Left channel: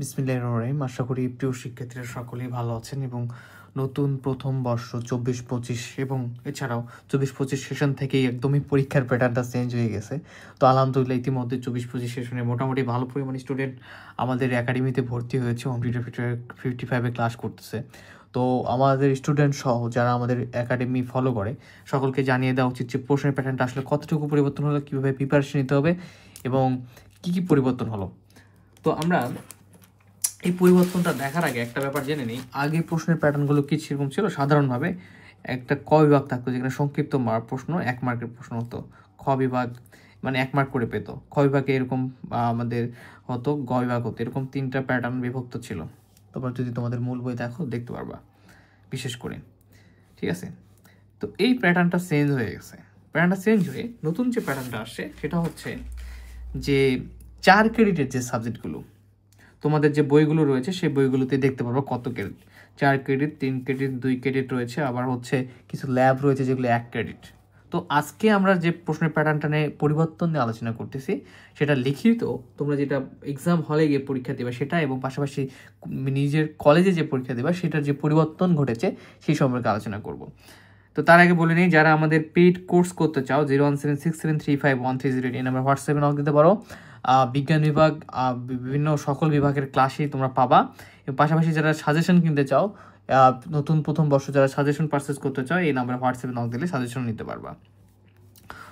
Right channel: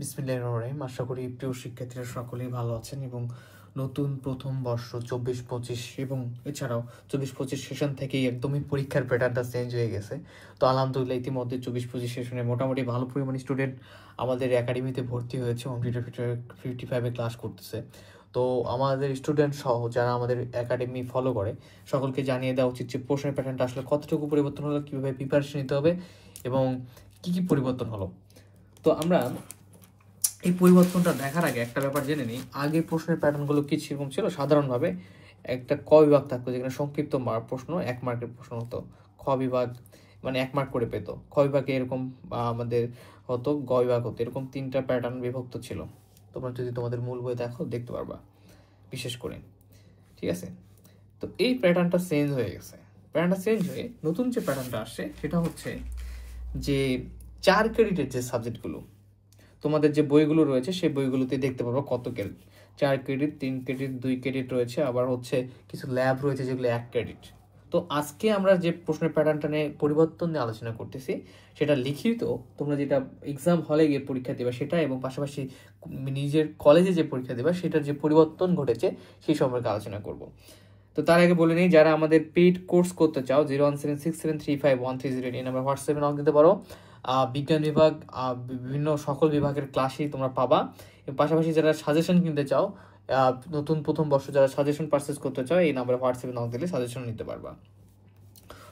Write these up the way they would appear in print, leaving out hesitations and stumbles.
বিসমিল্লাহির রহমানির রহিম। আশা করি প্রিয় শিক্ষার্থীরা সকলেই ভালো আছেন এবং নতুন প্রথম বর্ষ 24-25 এবং এছাড়াও 24-25 সেশন থেকেই একদমই পরীক্ষার প্যাটার্নটা চেঞ্জ হয়ে গেছে। তো আলহামদুলিল্লাহ ইতিমধ্যে 24-25 সেশনে মোটামুটি ভালো পরিমাণ স্টুডেন্ট আমাদের একাডেমিতে ভর্তি হয়েছে, হোম টিউটর 55-এ ক্লাস করতেছে। তো আমাদের স্টুডেন্ট সহ যারা আমাদের একাডেমি ফলো করে সকলকে জানিয়ে দেওয়া উচিত যে প্রশ্নের প্যাটার্নটা আসলে কতটুকু পরিবর্তন হলো, কীভাবে প্রিপারেশন নিতে হবে এবং কী কী পরিবর্তন হলো। তো আমরা এই পরিবর্তনটা দেখার আগে একটা ব্যাপার জেনে নিই। আগে প্রশ্নের প্যাটার্নগুলো কি সেরকম ছিল? সাধারণভাবে একটা ক বিভাগ থাকতো, যেখানে সংক্ষিপ্ত প্রশ্ন 1 মার্কের প্রশ্ন হতো। খ বিভাগ মানে 1 মার্ক করে পেত। খ বিভাগে এরকম আমাদের হতো, গ বিভাগ হতো, এরকম 3টা প্যাটার্ন বিভক্ত ছিল। তোমরা যদি তোমাদের মূল বই দেখো দেখতে পারবা বিশেষ করে, ঠিক আছে? তো এই প্যাটার্নটা চেঞ্জ হয়ে গেছে। প্যাটার্নটা চেঞ্জ হয়ে নতুন যে প্যাটার্নটা আসছে সেটা হচ্ছে যে 4 ক্রেডিটের যে সাবজেক্টগুলো তোমাদের যে বইগুলো রয়েছে সেই বইগুলোতে দেখতে পারবো কত ক্রেডিট। 4 ক্রেডিট, 3 ক্রেডিট, 2 ক্রেডিট রয়েছে, আবার হচ্ছে কিছু ল্যাব রয়েছে যেগুলো 1 ক্রেডিট। তো আজকে আমরা যে প্রশ্নের প্যাটার্নটা নিয়ে পরিবর্তন নিয়ে আলোচনা করতেছি সেটা লিখিত, তোমরা যেটা এক্সাম হলে গিয়ে পরীক্ষা দেবে সেটা, এবং পাশাপাশি নিজের কলেজে যে পরীক্ষা দেবে সেটার যে পরিবর্তন ঘটেছে সেই সম্পর্কে আলোচনা করব। তো তার আগে বলে নিই, যারা আমাদের পেইড কোর্স করতে চাও 01767351308 এই নাম্বার হোয়াটসঅ্যাপে নক দিতে পারো। বিজ্ঞান বিভাগ বিভিন্ন সকল বিভাগের ক্লাসই তোমরা পাবা। এবং পাশাপাশি যারা সাজেশন কিনতে চাও, নতুন প্রথম বর্ষ যারা সাজেশন পারচেস করতে চাও, এই নাম্বারে হোয়াটসঅ্যাপে নক দিলে সাজেশন নিতে পারবা।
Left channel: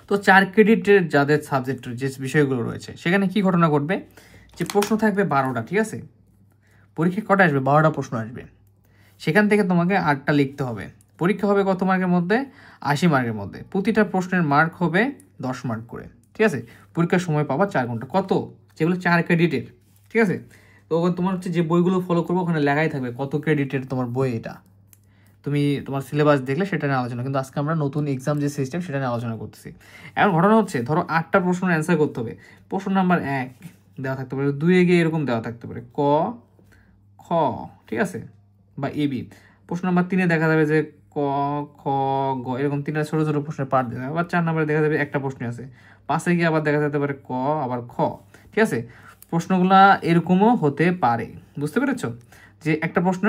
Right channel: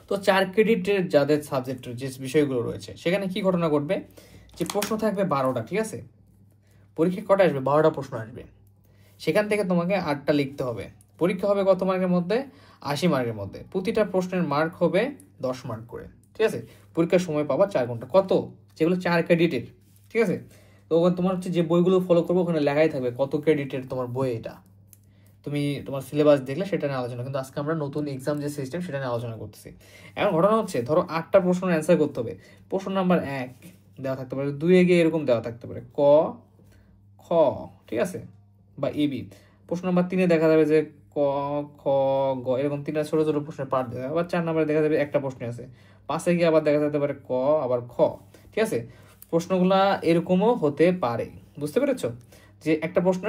তো 4 ক্রেডিটের যাদের সাবজেক্টের যে বিষয়গুলো রয়েছে সেখানে কি ঘটনা ঘটবে, যে প্রশ্ন থাকবে 12টা, ঠিক আছে? পরীক্ষা কটা আসবে? 12টা প্রশ্ন আসবে। সেখান থেকে তোমাকে 8টা লিখতে হবে। পরীক্ষা হবে কত মার্কের মধ্যে? 80 মার্কের মধ্যে। প্রতিটা প্রশ্নের মার্ক হবে 10 মার্ক করে, ঠিক আছে? পরীক্ষার সময় পাবা 4 ঘন্টা। কত? যেগুলো 4 ক্রেডিটের, ঠিক আছে? তো তোমার হচ্ছে যে বইগুলো ফলো করবো ওখানে লেখাই থাকবে কত ক্রেডিটের তোমার বই। এটা তুমি তোমার সিলেবাস দেখলে সেটা নিয়ে আলোচনা, কিন্তু আজকে আমরা নতুন এক্সাম যে সিস্টেম সেটা নিয়ে আলোচনা করতেছি। এখন ঘটনা হচ্ছে, ধরো 8টা প্রশ্নের অ্যান্সার করতে হবে। প্রশ্ন নাম্বার 1 দেওয়া থাকতে পারে, 2 গিয়ে এরকম দেওয়া থাকতে পারে ক, খ, ঠিক আছে, বা এবি। প্রশ্ন নাম্বার 3 দেখা যাবে যে ক, খ, গ, এরকম 3টা ছোট ছোট প্রশ্নের পার্ট দেওয়া। আবার 4 নম্বরে দেখা যাবে একটা প্রশ্ন আছে। 5 গিয়ে আবার দেখা যেতে পারে ক, আবার খ, ঠিক আছে? প্রশ্নগুলা এরকমও হতে পারে, বুঝতে পেরেছ? যে একটা প্রশ্ন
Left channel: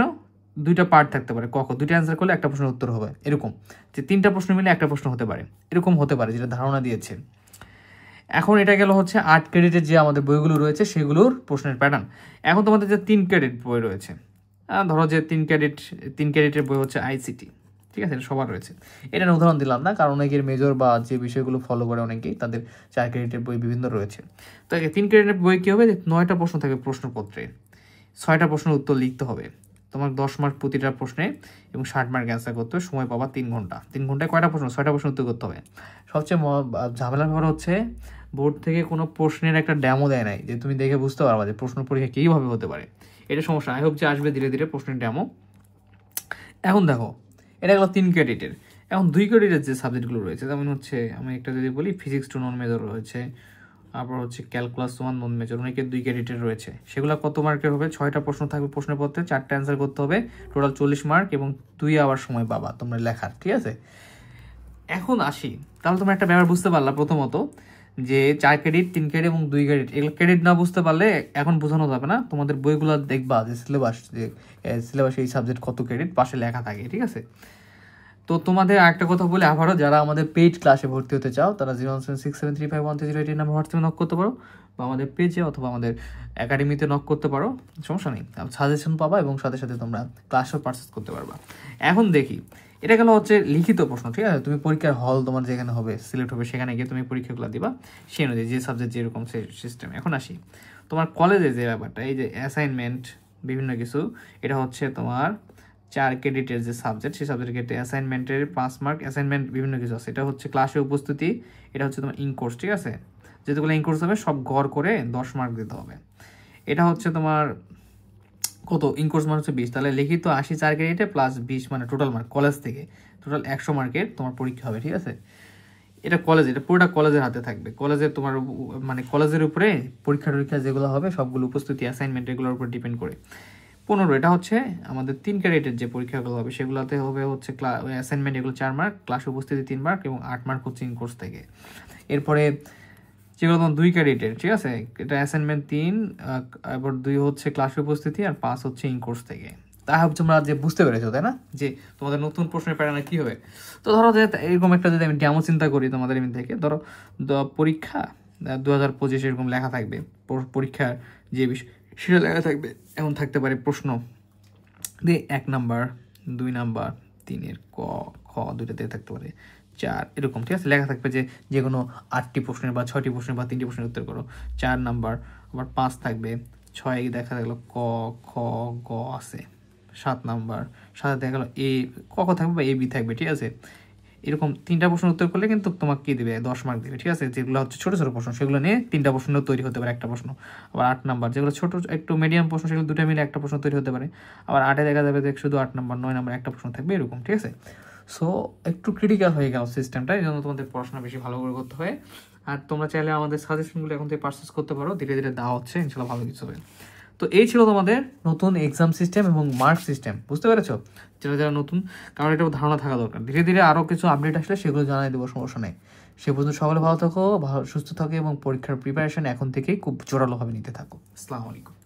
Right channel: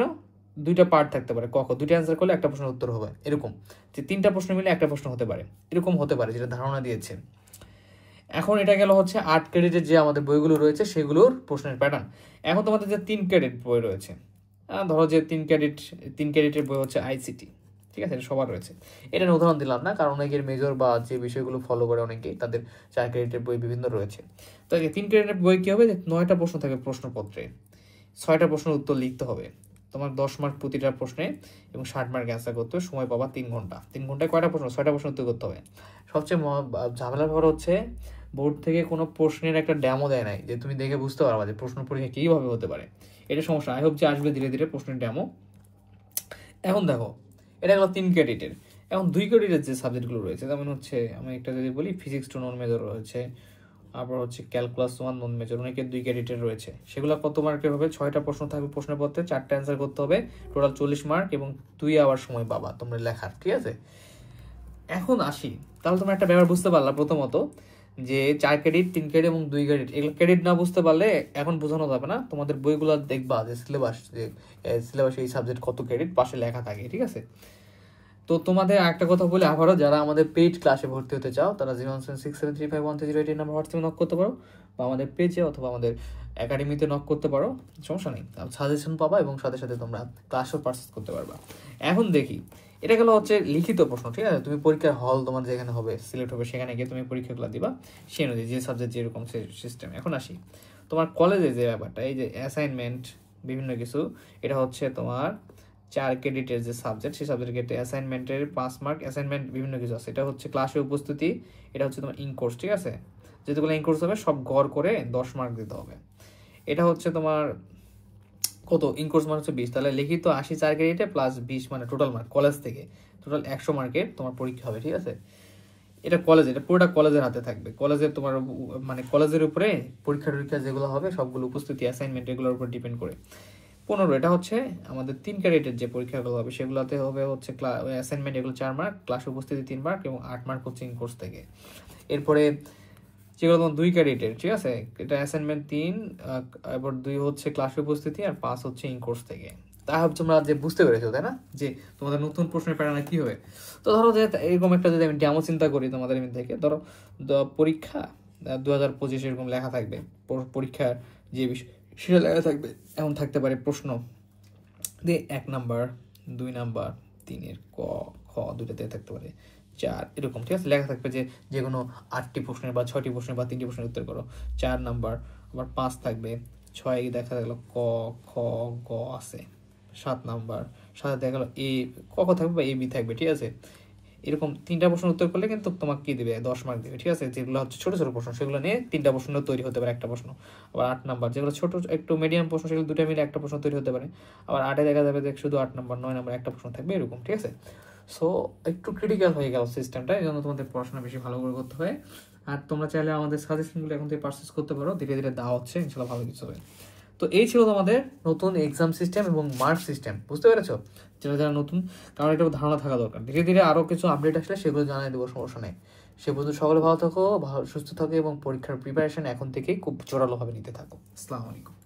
2টা পার্ট থাকতে পারে, ক খ 2টা অ্যান্সার করলে একটা প্রশ্নের উত্তর হবে, এরকম যে 3টা প্রশ্ন মিলে একটা প্রশ্ন হতে পারে, এরকম হতে পারে, যেটা ধারণা দিয়েছে। এখন এটা গেল হচ্ছে 8 ক্রেডিটের যে আমাদের বইগুলো রয়েছে সেগুলোর প্রশ্নের প্যাটার্ন। এখন তোমাদের যে 3 ক্রেডিট বই রয়েছে, ধরো যে 3 ক্রেডিটের বই হচ্ছে আইসিটি, ঠিক আছে? এটা সবার রয়েছে। এটা উদাহরণ দিলাম না, কারণ অনেকের মেজর বা যে বিষয়গুলো ফলো করে অনেকেই তাদের 4 ক্রেডিটের বই বিভিন্ন রয়েছে। তো 3 ক্রেডিটের বই কী হবে, 9টা প্রশ্ন থাকবে প্রশ্নপত্রে, 6টা প্রশ্নের উত্তর লিখতে হবে তোমার, 10 মার্ক প্রতিটা প্রশ্নে, এবং 60 মার্ক অ্যান্সার করতে হবে। সময় পাবা 3 ঘন্টা। 3 ঘন্টায় কয়টা প্রশ্ন? 6টা প্রশ্ন উত্তর করতে হবে। সবচেয়ে ঝামেলার ব্যাপার হচ্ছে বোর্ড থেকে কোনো প্রশ্নের একটা ড্যামো দেয় নাই, যে তুমি দেখে বুঝতে পারবা যে প্রশ্ন পরীক্ষা কীভাবে হতে পারে। এটা সমস্যা। আই হোপ যে আসবে ধীরে ধীরে প্রশ্নের ড্যামো। এখন দেখো, এটা গেলো 3 ক্রেডিটের। এখন 2 ক্রেডিটের যে সাবজেক্টগুলো রয়েছে, যেমন হচ্ছে আমি একটা যদি বলি, ফিজিক্স 2 নন মেজর রয়েছে, আবার হচ্ছে ক্যালকুলাস 1 নন মেজর, অনেকের 2 ক্রেডিটের রয়েছে। সেগুলো কত মার্কের হবে? 6টা প্রশ্ন থাকবে প্রশ্নপত্রে, 4টা অ্যান্সার করতে হবে, টোটাল 40 মার্ক, এবং 2 আবার সময় পাবা তোমরা লেখার, ঠিক আছে? এখন আসি, তাহলে তোমরা একটা ব্যাপার বুঝতে পারলা প্রথমত, যে 4 ক্রেডিট, 3 ক্রেডিট এবং 2 ক্রেডিট, এগুলো ক্রেডিট না বুঝতে পারলে এখন বোঝানো যাবে না। তোমাদের বইগুলো দেখবা যে সিলেবাস এই সাবজেক্ট কত ক্রেডিট পাশে লেখা থাকে, ঠিক আছে? তো তোমাদের আরেকটা কথা বলে আবারও, যারা আমাদের পেইড ক্লাসে ভর্তি হতে চাও তারা 01767351308 এই নাম্বার হোয়াটসঅ্যাপে নক করতে পারো, বা আমাদের পেজে অথবা আমাদের একাডেমিতে নক করতে পারো, সমস্যা নেই। সাজেশন পাবা এবং সাথে সাথে তোমরা ক্লাসও পারচেস করতে পারবা। এখন দেখি, এটা গেলো হচ্ছে লিখিত প্রশ্ন, ঠিক আছে? তুমি পরীক্ষার হল তোমার যেখানে হবে, সিলেক্ট হবে, সেখানে গিয়ে তুমি পরীক্ষাগুলো দিবা সেই অনুযায়ী, যে সাবজেক্ট যেরকম সেই সিস্টেম। এখন আসি তোমার কলেজে যে ব্যাপারটা, এই যে অ্যাসাইনমেন্ট বিভিন্ন কিছু, এটা হচ্ছে তোমার 4 ক্রেডিটের যে সাবজেক্ট, সেই সাবজেক্টে অ্যাসাইনমেন্টের 5 মার্ক, অ্যাসাইনমেন্ট বিভিন্ন কিছু আছে। এটা হচ্ছে ক্লাসে উপস্থিতি, এটা হচ্ছে তোমার ইনকোর্স, ঠিক আছে? যেগুলো ইনকোর্স হবে সব গড় করে 10 মার্ক দিতে হবে। এটা হচ্ছে তোমার কত? ইনকোর্স মার্ক হচ্ছে 20, তাহলে লিখিত 80 4 ক্রেডিটে প্লাস 20 মানে টোটাল মার্ক কলেজ থেকে টোটাল 100 মার্কের তোমার পরীক্ষা হবে, ঠিক আছে? এটা কলেজ, এটা পুরোটা কলেজের হাতে থাকবে। কলেজের তোমার মানে কলেজের উপরে পরীক্ষা যেগুলো হবে সবগুলো উপস্থিতি, অ্যাসাইনমেন্ট, এগুলোর উপর ডিপেন্ড করে। 15, এটা হচ্ছে আমাদের 3 ক্রেডিটের যে পরীক্ষাগুলো হবে সেগুলোতে হবে হচ্ছে অ্যাসাইনমেন্ট, এগুলো 4 মার্ক, ক্লাস উপস্থিতি 3 মার্ক, এবং 8 মার্ক হচ্ছে ইনকোর্স থেকে। এরপরে যেগুলো তোমার 2 ক্রেডিটের, ঠিক আছে? এটা অ্যাসাইনমেন্ট 3, এবার 2 হচ্ছে ক্লাসে উপস্থিতি, আর 5 হচ্ছে ইন কোর্স থেকে। তাই হোপ তোমরা যে বুঝতে পেরেছো, তাই না, যে তোমাদের নতুন প্রশ্নের প্যাটার্ন কি হবে। তো ধরো যে এরকম একটা যদি আমি ডেমো চিন্তা করি তোমাদের থেকে, ধরো পরীক্ষা 2025 এরকম লেখা থাকবে, পরীক্ষার যে বিষয় সেটা লেখা থাকবে। এমন থাকতে পারে প্রশ্ন দিয়ে 1 নাম্বার, 2 নাম্বার, 3-এর ক খ দুইটাতে থাকতে পারে 4, এরকম, ঠিক আছে? লেখা থাকবে যে কোনো 8টি প্রশ্নের বা 6টি প্রশ্নের বা 3টি প্রশ্নের উত্তর করো, 4 নাম্বার। আবার 5 থাকবে, 6 দেখা গেল ক খ গ আছে, 7 নাম্বার, 7 দেখা গেল এ ক খ থাকবে বা এ বি থাকবে, ঠিক আছে? এরকম 3টা প্রশ্নের উত্তর করলে কিন্তু তোমাকে কি দেবে, 10 মার্ক দেবে, ঠিক আছে? যেগুলো হচ্ছে ছোট ছোট প্রশ্ন সেগুলো নিয়ে 3টা প্রশ্ন তৈরি হতে পারে একটা প্রশ্ন। আবার 8 নাম্বার, যেগুলো ছোট একটু মিডিয়াম প্রশ্ন সেগুলো 2টা মিলে একটা প্রশ্ন তৈরি হতে পারে। আবার 8-এ দেখা যাবে যে শুধু 8 নাম্বার, 9 নাম্বার একটা প্রশ্ন থাকবে, এরকম, ঠিক আছে? সো একটু ক্রিটিক্যাল হয়ে গেল সিস্টেমটা, এই জন্য তোমাদের পড়াশোনা বেশি ভালো করে করতে হয়। আর তোমরা চাইলে আমাদের সাজেশনগুলো এখন থেকে পারচেস করতে পারো, ধীরে ধীরে দেওয়া হচ্ছে, ইনশাল্লাহ ভালো কিছু হবে। তো এই ছিল তোমাদের নতুন এক্সাম সিস্টেম এবং মার্ক সিস্টেম, বুঝতে পেরেছো? যারা যারা নতুন, কারণ এটা ধারণা থাকা দরকার। ধীরে ধীরে আরও কিছু আপডেট আসলে সেগুলো জানাই দেবো, সমস্যা নেই। সে পর্যন্ত সকলে ভালো থাকো, ভালো সুস্থ থাকো এবং পরীক্ষার প্রিপারেশন এখন থেকেই খুব জোরালোভাবে নিতে থাকো। আসসালামু আলাইকুম।